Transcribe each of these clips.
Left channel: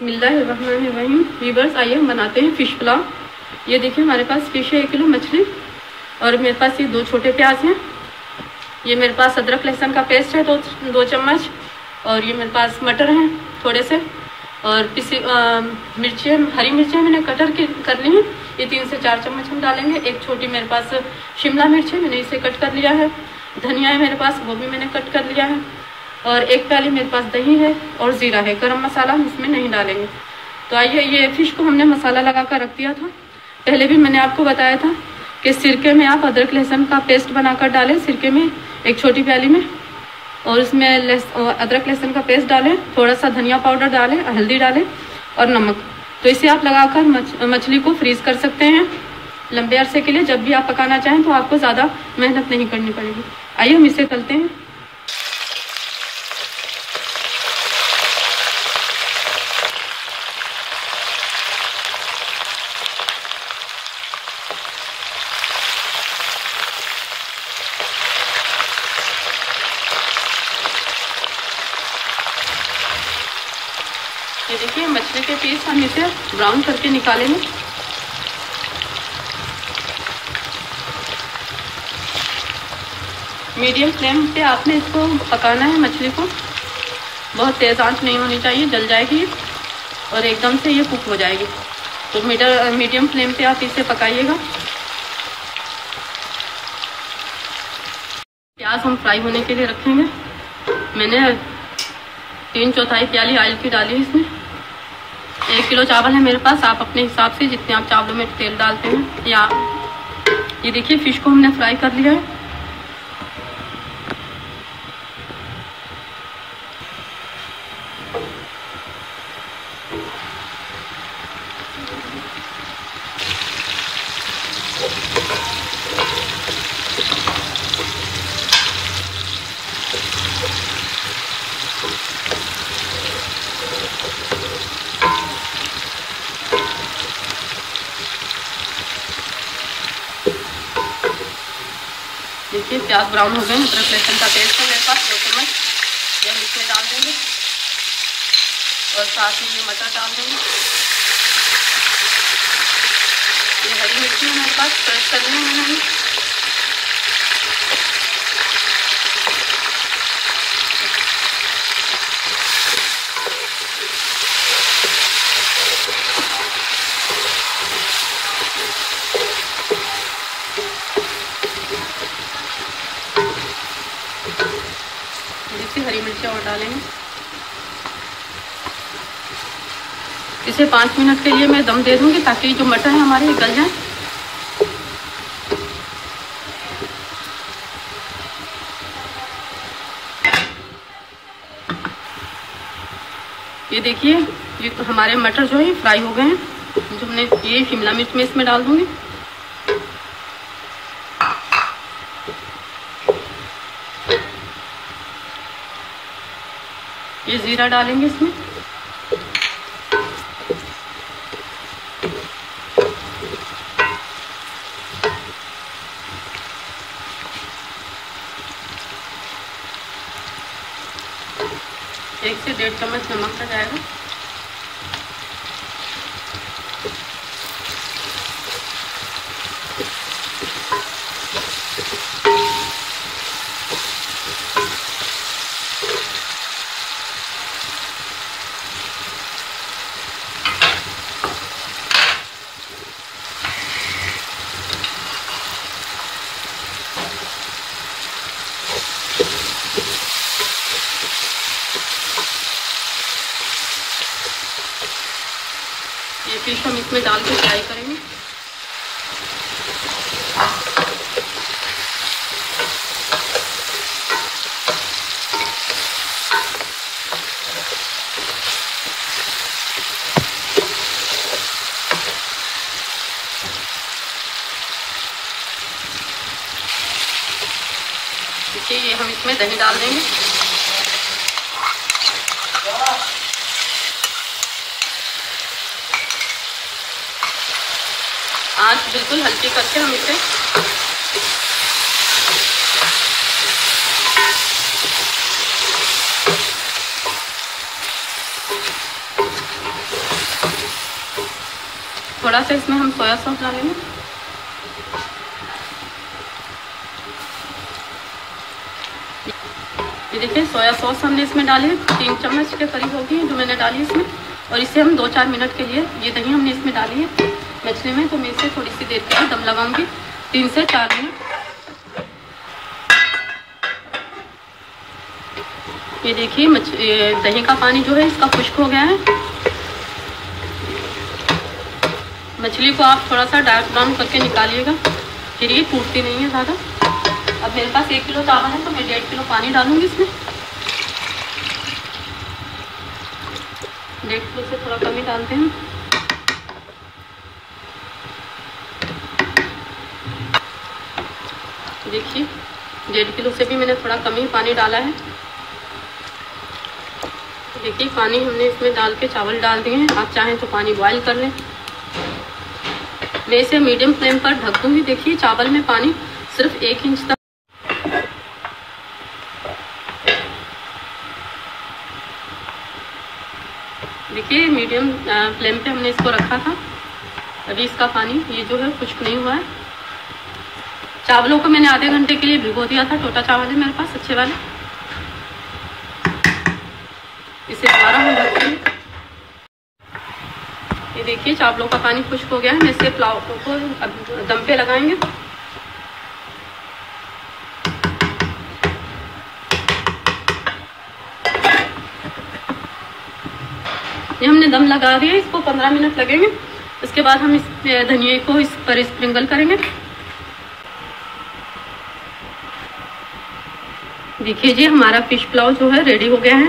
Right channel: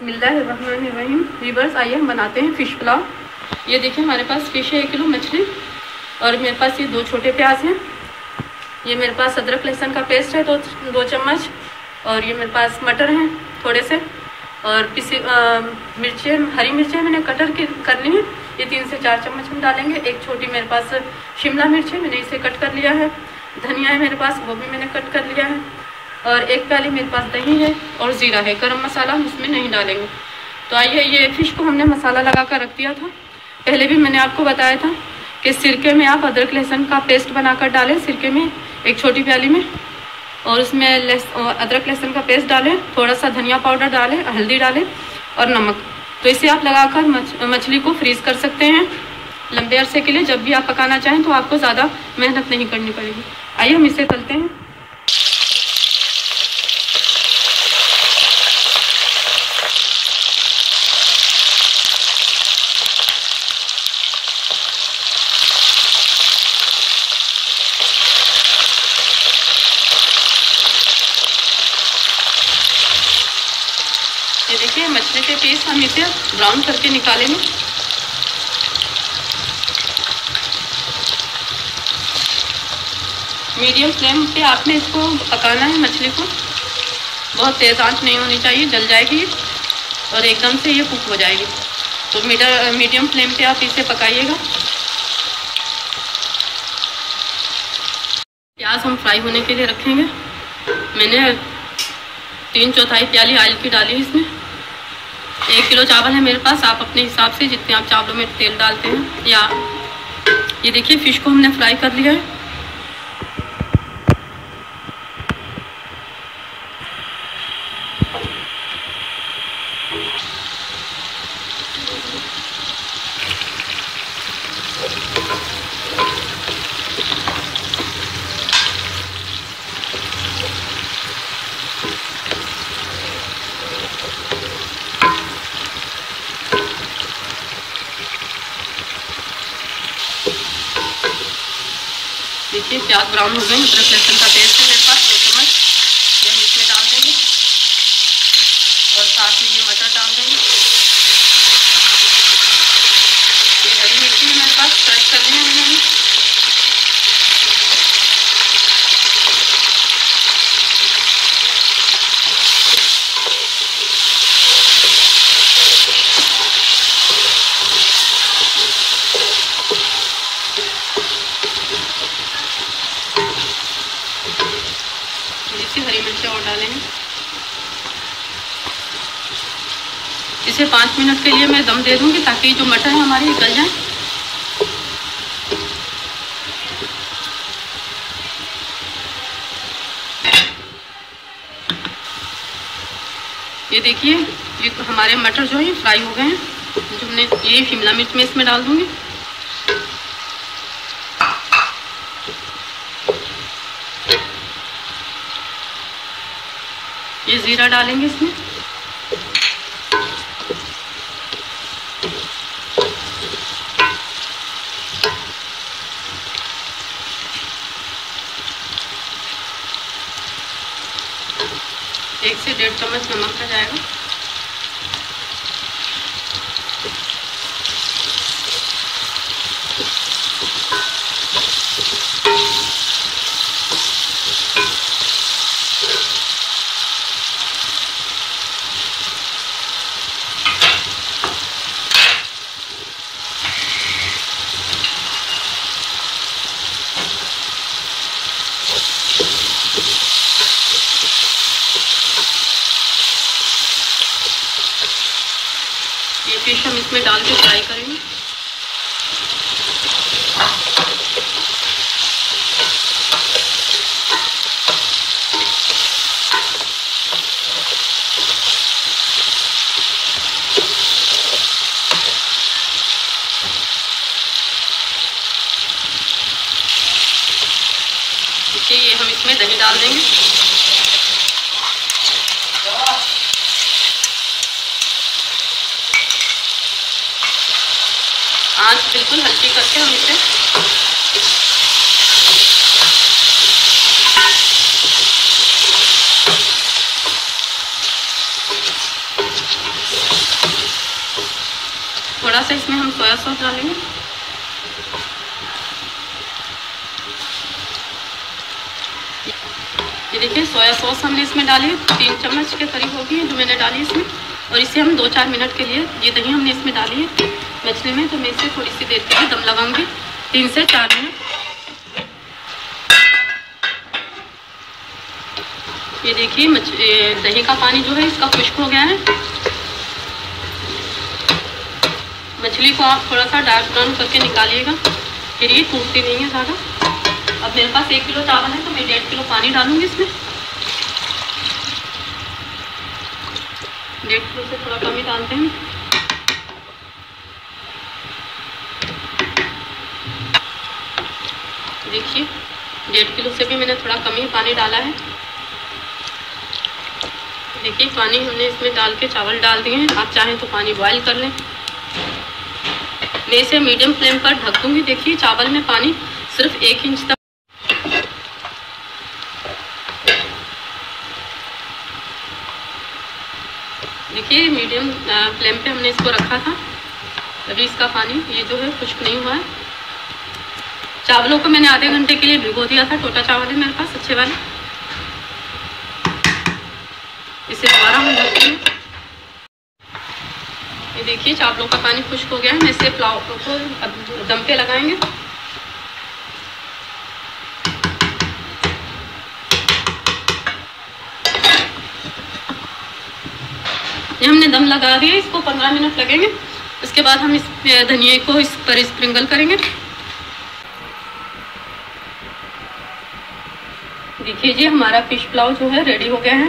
बिस्मिल्लाहिर्रहमानिर्रहीम। वीवर्स, आइए हम बनाते हैं फ़िश पुलाव। ये देखिए हमारे पास फ़िश है 1 किलो मछली, और मेरे पास ये 2 छोटे प्याज हैं। ये मेरे पास अदरक लहसुन का पेस्ट है 2 चम्मच, और ये मेरे पास मटर हैं थोड़े से, और पिसी मिर्चें, हरी मिर्चें मैंने कटर कर ली हैं, ये 3 से 4 चम्मच हम डालेंगे। एक छोटी मेरे पास शिमला मिर्च है, मैंने इसे कट कर लिया है। धनिया है मेरे पास, वो भी मैंने कट कर लिया है। और 1 प्याली मेरे पास दही है, और ज़ीरा है। गरम मसाला हम इसमें नहीं डालेंगे। तो आइए, ये फ़िश को हमने मसाला लगा कर रख दिया था। पहले भी मैंने आपको बताया था कि सिरके में आप अदरक लहसुन का पेस्ट बनाकर डालें, सिरके में 1 छोटी प्याली में, और इसमें अदरक लहसुन का पेस्ट डालें, थोड़ा सा धनिया पाउडर डालें, हल्दी डालें और नमक। तो इसे आप लगाकर मछली को फ्रीज़ कर सकते हैं लंबे अरसे के लिए। जब भी आप पकाना चाहें तो आपको ज़्यादा मेहनत नहीं करनी पड़ेगी। आइए हम इसे तलते हैं। ये देखिए मछली के पीस हम इसे ब्राउन करके निकालेंगे। मीडियम फ्लेम पे आपने इसको पकाना है मछली को। बहुत तेज़ आंच नहीं होनी चाहिए, जल जाएगी और एकदम से ये कुक हो जाएगी। तो मीडियम फ्लेम पे आप इसे पकाइएगा। प्याज हम फ्राई होने के लिए रखेंगे। मैंने 3/4 प्याली ऑयल की डाली है इसमें। 1 किलो चावल है मेरे पास, आप अपने हिसाब से जितने आप चावलों में तेल डालते हैं। या ये देखिए फ़िश को हमने फ्राई कर लिया है। देखिए प्याज ब्राउन हो गए। अदरक लहसुन का पेस्ट है मेरे पास 2 चम्मच, ये हम इसमें डाल देंगे, और साथ में ये मटर डाल देंगे। ये हरी मिर्ची मेरे पास क्रश करनी है मैंने। हरी मिर्ची और डालेंगे। इसे 5 मिनट के लिए मैं दम दे दूंगी ताकि जो मटर है हमारे गल जाए। ये देखिए ये हमारे मटर जो है फ्राई हो गए हैं। जो हमने ये शिमला मिर्च में इसमें डाल दूंगी। ये ज़ीरा डालेंगे इसमें। एक से 1.5 चम्मच नमक का जाएगा। ये फिश हम इसमें डाल के फ्राई करेंगे। देखिए ये हम इसमें दही डाल देंगे। आंच बिल्कुल हल्की करके हम इसे थोड़ा सा इसमें हम सोया सॉस डालेंगे। ये देखिए सोया सॉस हमने इसमें डाली 3 चम्मच के करीब होगी जो मैंने डाली इसमें। और इसे हम 2-4 मिनट के लिए, ये दही हमने इसमें डाली है मछली में, तो मैं इसे थोड़ी सी देर के लिए दम लगाऊंगी 3 से 4 मिनट। ये देखिए दही का पानी जो है इसका खुश्क हो गया है। मछली को आप थोड़ा सा डार्क ब्राउन करके निकालिएगा, फिर ये टूटती नहीं है ज़्यादा। अब मेरे पास 1 किलो चावल है तो मैं 1.5 किलो पानी डालूंगी इसमें। 1.5 किलो से थोड़ा कम ही डालते हैं। देखिए 1.5 किलो से भी मैंने थोड़ा कम ही पानी डाला है। देखिए पानी हमने इसमें डाल के चावल डाल दिए हैं। आप चाहें तो पानी बॉयल कर लें। मैं इसे मीडियम फ्लेम पर ढक दूंगी। देखिए चावल में पानी सिर्फ 1 इंच तक। देखिए मीडियम फ्लेम पे हमने इसको रखा था। अभी इसका पानी ये जो है खुश्क नहीं हुआ है। चावलों को मैंने आधे घंटे के लिए भिगो दिया था। टोटा चावल है मेरे पास अच्छे वाले। इसे दोबारा हम ढकते हैं। ये देखिए चावलों का पानी खुश्क हो गया है। इसे पुलाव को दम पे लगाएंगे। ये हमने दम लगा दिया, इसको 15 मिनट लगेंगे। उसके बाद हम इस धनिया को इस पर स्प्रिंकल करेंगे। देखिए जी हमारा फिश पुलाव जो है रेडी हो गया है।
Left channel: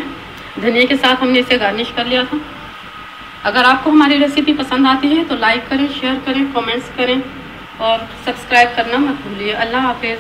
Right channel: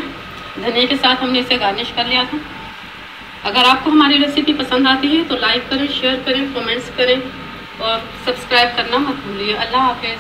धनिया के साथ हमने इसे गार्निश कर लिया था। अगर आपको हमारी रेसिपी पसंद आती है तो लाइक करें, शेयर करें, कमेंट्स करें और सब्सक्राइब करना मत भूलिए। अल्लाह हाफिज़।